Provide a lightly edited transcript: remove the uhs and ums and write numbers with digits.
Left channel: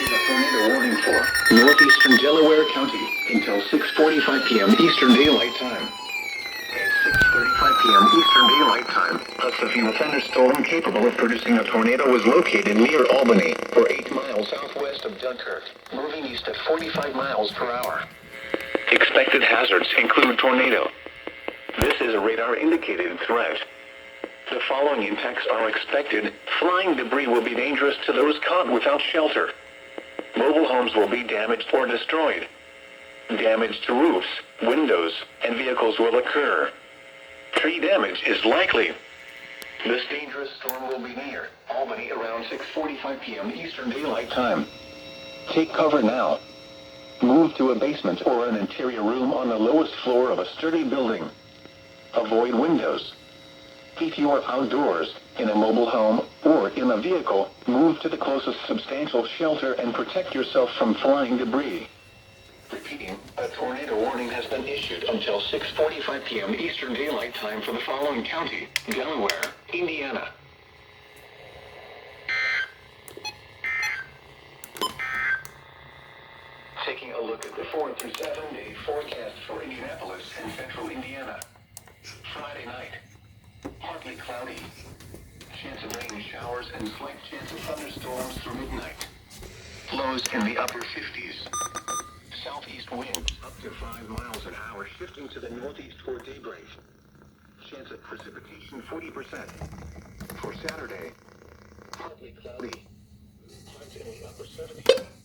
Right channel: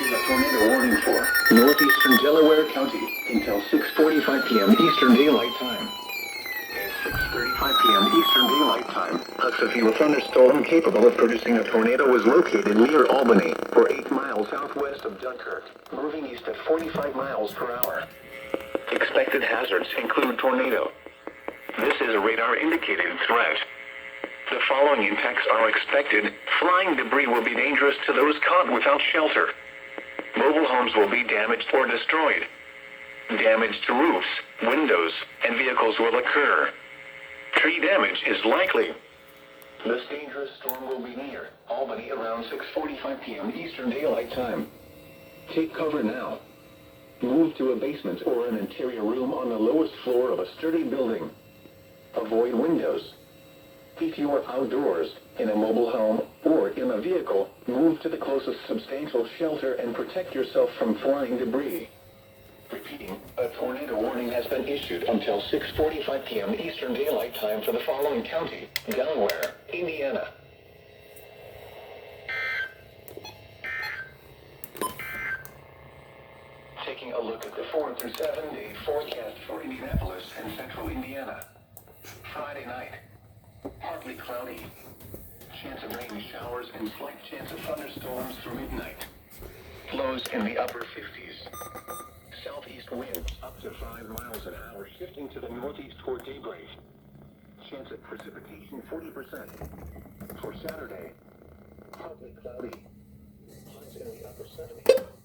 issued a tornado warning for northeastern Delaware County until 6:45 p.m. Eastern Daylight Time. At 6:35 p.m. Eastern Daylight Time, a severe thunderstorm capable of producing a tornado was located near Albany, or 8 miles southwest of Dunkirk, moving east at 45 miles per hour. Expected hazards include tornado. This is a radar-indicated threat. The following impacts are expected. Flying debris will be dangerous to those caught without shelter. Mobile homes will be damaged or destroyed. Damage to roofs, windows, and vehicles will occur. Tree damage is likely. This dangerous storm will be near Albany around 6:45 p.m. Eastern Daylight Time. Take cover now. Move to a basement or an interior room on the lowest floor of a sturdy building. Avoid windows. If you are outdoors, in a mobile home, or in a vehicle, move to the closest substantial shelter and protect yourself from flying debris. Repeating, a tornado warning has been issued until 6:45 p.m. Eastern Daylight Time for the following county: Delaware, Indiana. Taking a look at the 4 through 7 day forecast for Indianapolis and central Indiana. Friday night, partly cloudy. Chance of rain showers and slight chance of thunderstorms through midnight. Lows in the upper 50s. Southeast winds up to 5 miles an hour, shifting to the northeast toward daybreak. Chance of precipitation 40%. For Saturday, partly cloudy. Highs in the upper 70s.